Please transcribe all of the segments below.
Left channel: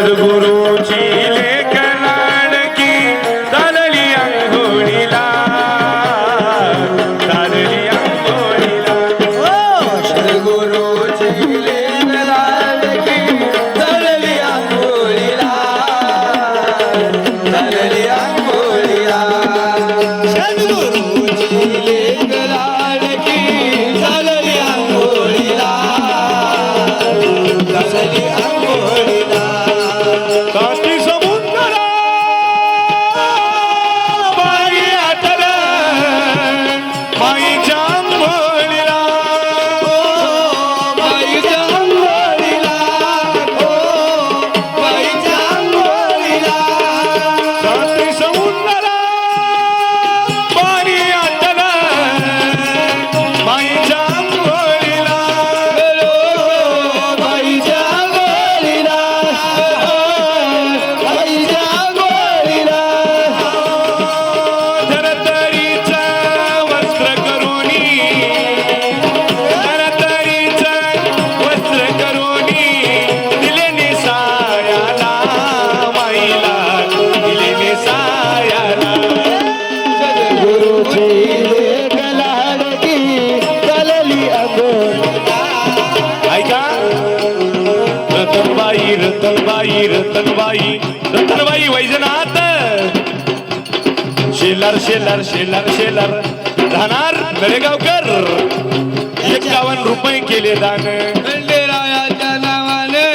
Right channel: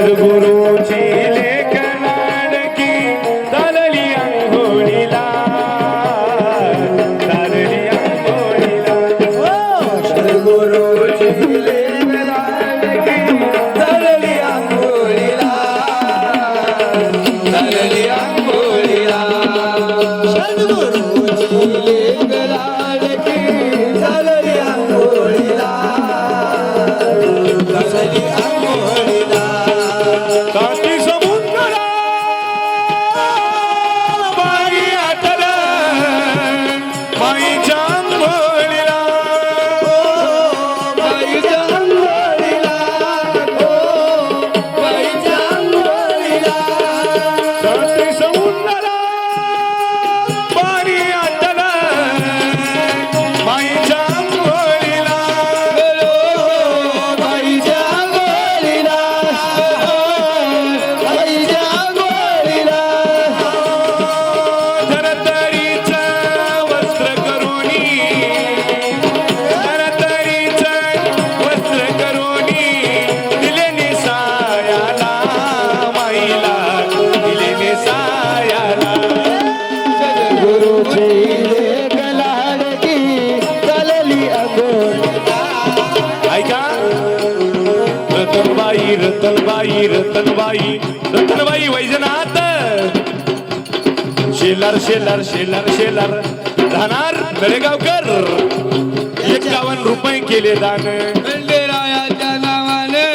सद्गुरूची लेक लाडकी चालली अंघोळीला चालली अंघोळीला सद्गुरूची लेक लाडकी चालली अंघोळीला चालली अंघोळीला सद्गुरूची लेक लाडकी चालली अंघोळीला चालली अंघोळीला काठी समुद्रा बाई आटला माईच्या अंघोळीला बाईच्या अंघोळीला बाईच्या अंघोळीला काठी समुद्रा बाई आटला माईच्या अंघोळीला बाईच्या अंघोळीला बाईच्या अंघोळीला धरतरीचा वस्त्र करुणी धरतरीचा वस्त्र करुणी दिले नेसायाला माईला दिले नेसायाला सद्गुरूची लेक लाडकी चालली अंघोळीला ऐका रतनबाई रतनबाई रतनबाई रतनबाई वैजनाथ शेलार शेलार शेलार शेलार राहणार गळेगावकर 51 रुपये केले दान खंडेरायाच्या नावाने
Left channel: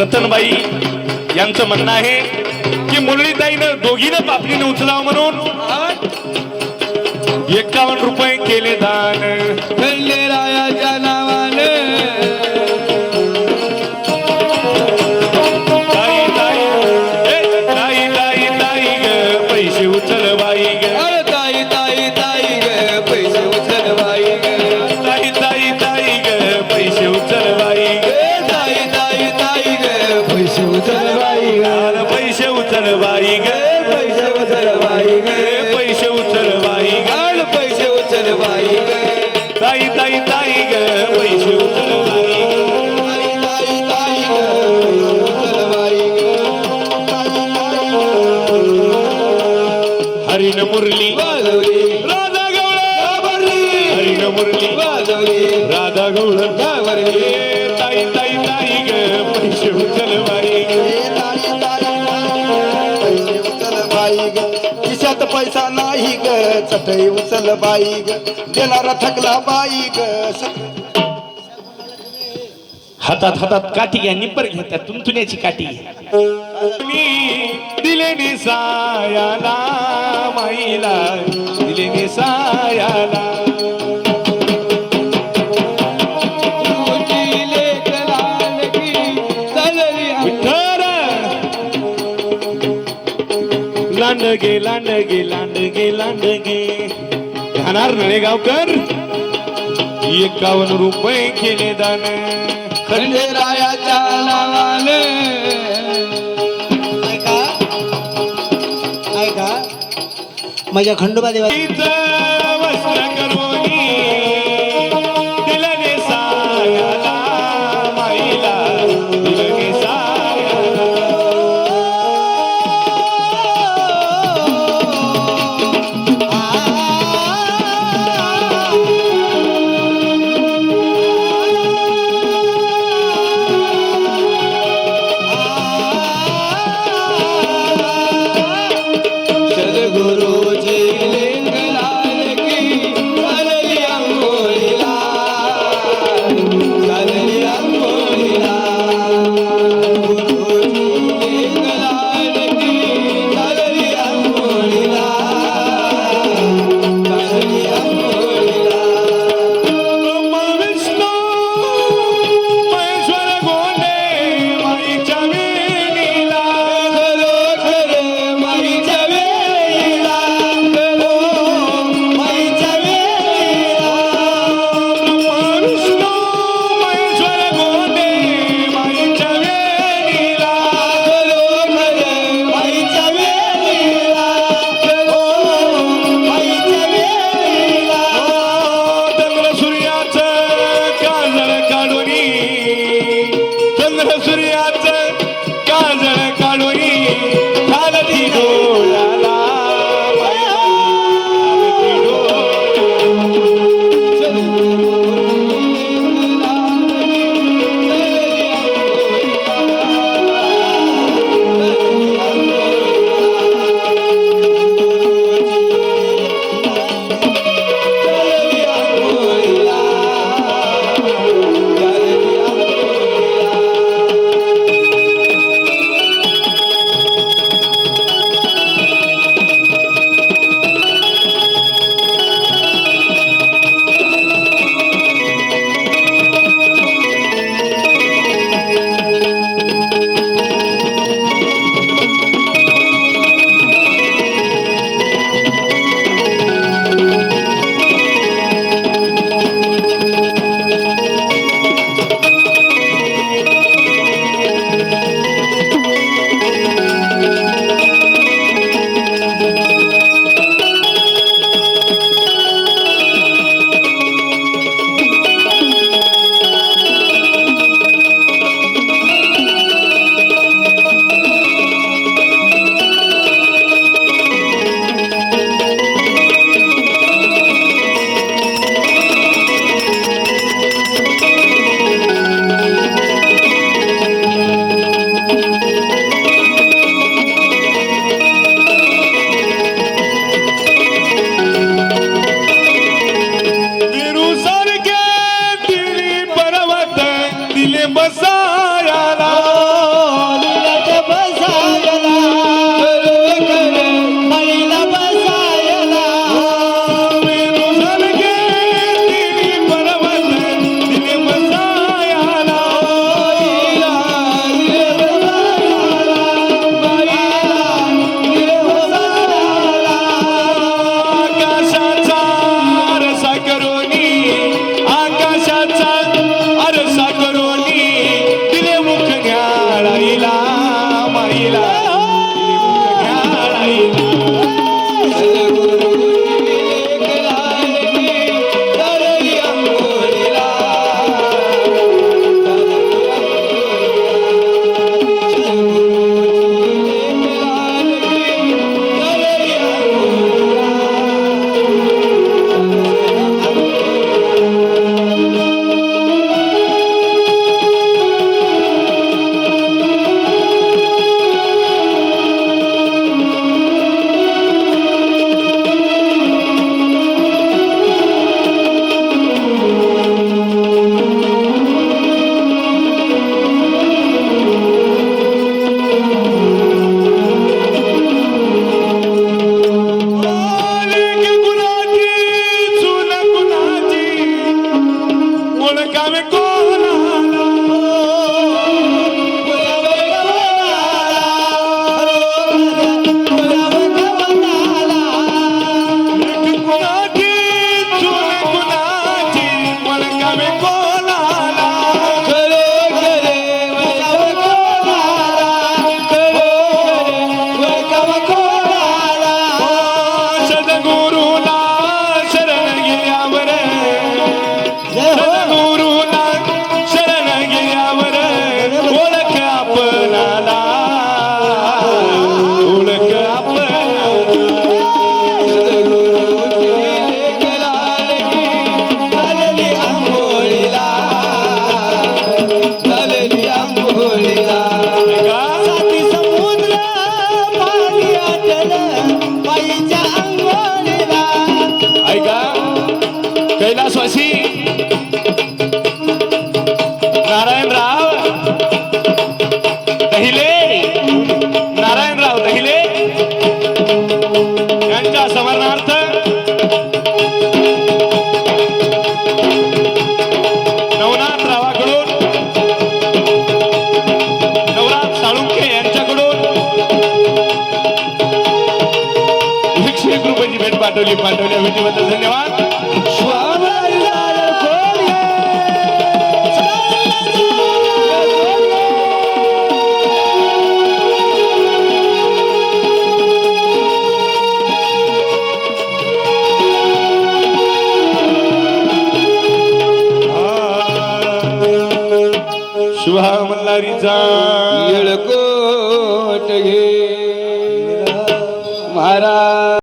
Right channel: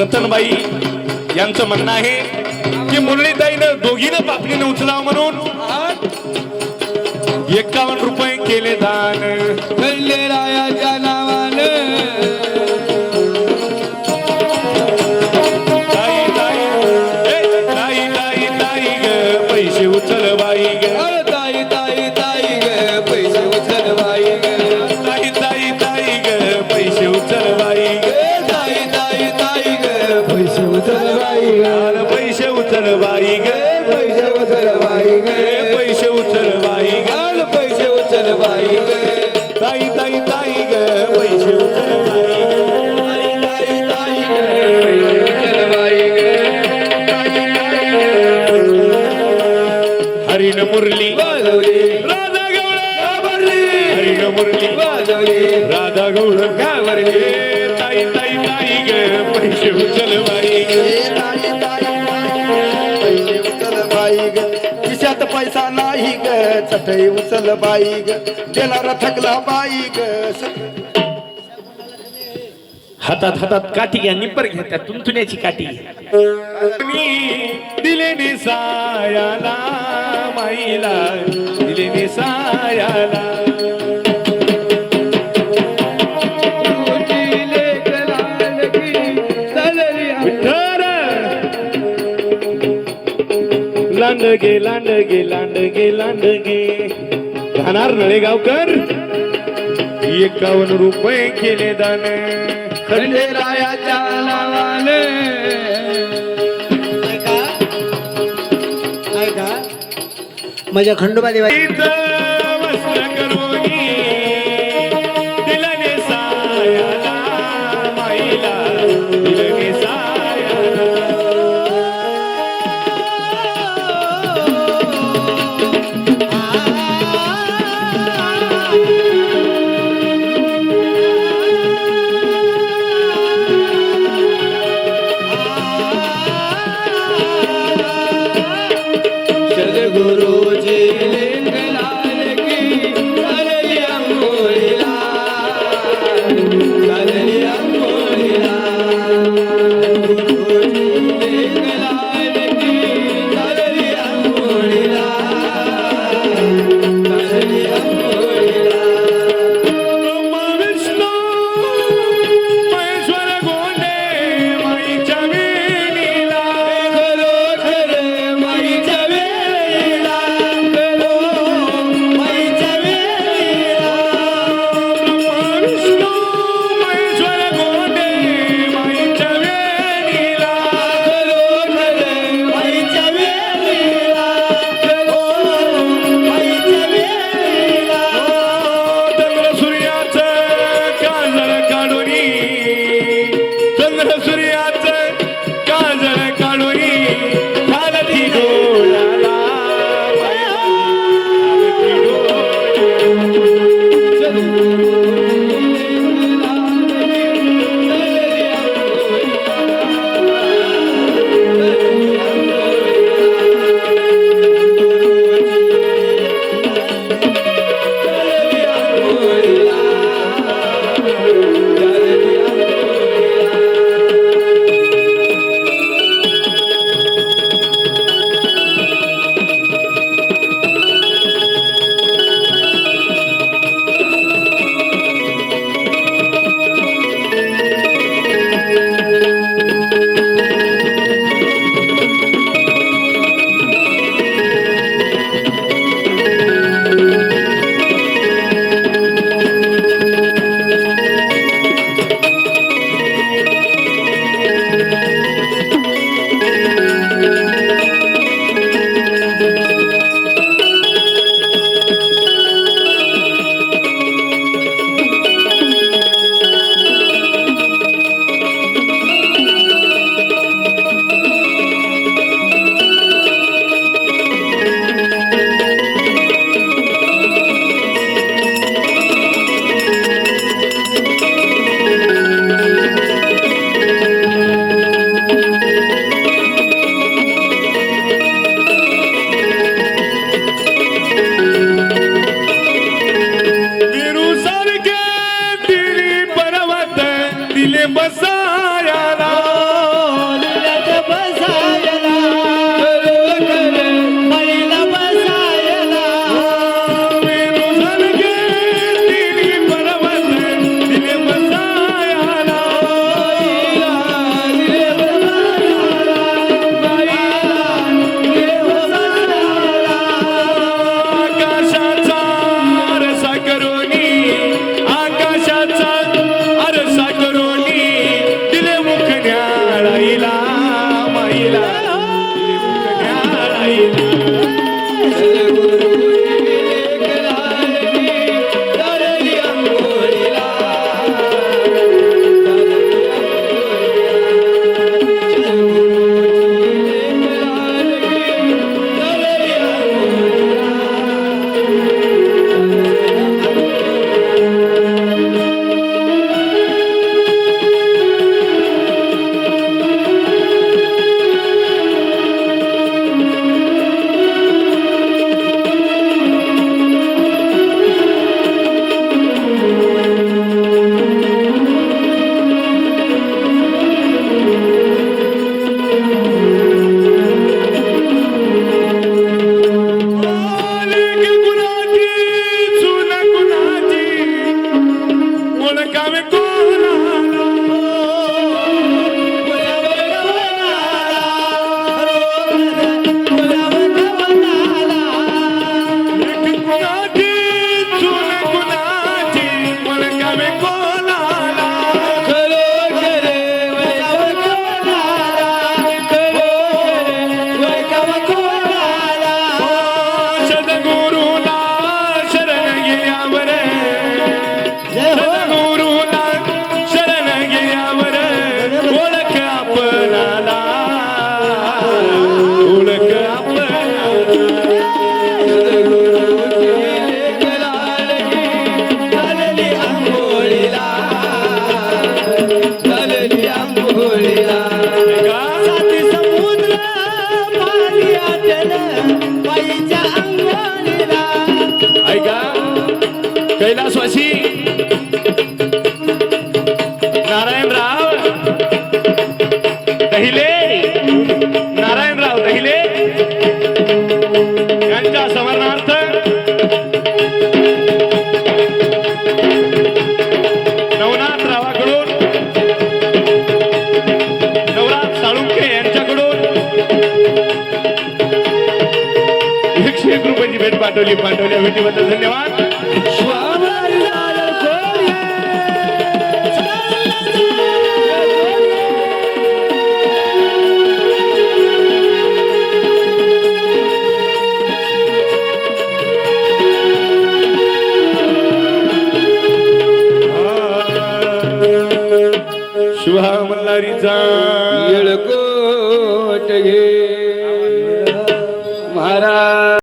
रतनबाई यांचं म्हणणं आहे की मुरळीताईनं दोघीनं पापणीने उचलावं म्हणून 51 रुपये केले दान खंडेरायाच्या नावाने ताई ताई ए, ताई ताई ताई ग पैसे उचल बाई ग अरे ताई ताई ताई ग पैसे उचल बाई ग ताई ताई ताई ग पैसे उचल बाई ग ए ताई ताई ताई ग पैसे उचल बाई ग आला पैसे उचल बाई ग पैसे उचल बाई ग ए, पैसे उचल बाई ग अरे पैसे उचल बाई ग ताई ताई ताई ग पैसे उचल बाई ग ताई ताई ताई ग पैसे उचल बाई ग हरिण मुरली वाजवली राधा गवळ घाबरली हरिण मुरली वाजवली राधा गवळ घाबरली ताई ताई ताई ग पैसे उचल बाई ग ताई ताई पैसे उचल बाई ग खिशात पैसा नाही ग चटई उचल बाई ग देणारा थकला बाई ग हातात हातात काठी घ्या निप्पर घ्या त्या तुंतुण्याची काठी मी दिले निसायाला माईला दिले निसायाला विठ्ठल लांडगे लांडगे लांडगे लांडगे राहणार नळेगावकर 51 रुपये केले दान खंडेरायाच्या नावाने ऐका माझ्या खंडोबा देवा वस्त्र करुणी दिलं नेसायाला माईला दिलं नेसायाला सद्गुरूची लेक सूर्याचं काजळ काढोनी घालती डोळ्याला घालती दिले बसायाला मळीला बसायला दिली पर्वत दिले बसायाला आकाशाचा आरसा करोनी आकाशाचा आरसा करोनी दिले मुखन्याळाईला माईला कैलासवासी नारायणराव दहिले नारायणराव दहिले यांच्या स्मरणार्थ नवनाथरावाकडून नवनाथ साळुंखे यांच्याकडून 101 रुपयाची भेट पाठवल्या भेटीबद्दल धन्यवाद. शुभा मल्हारी जा येळकोट घे महाराज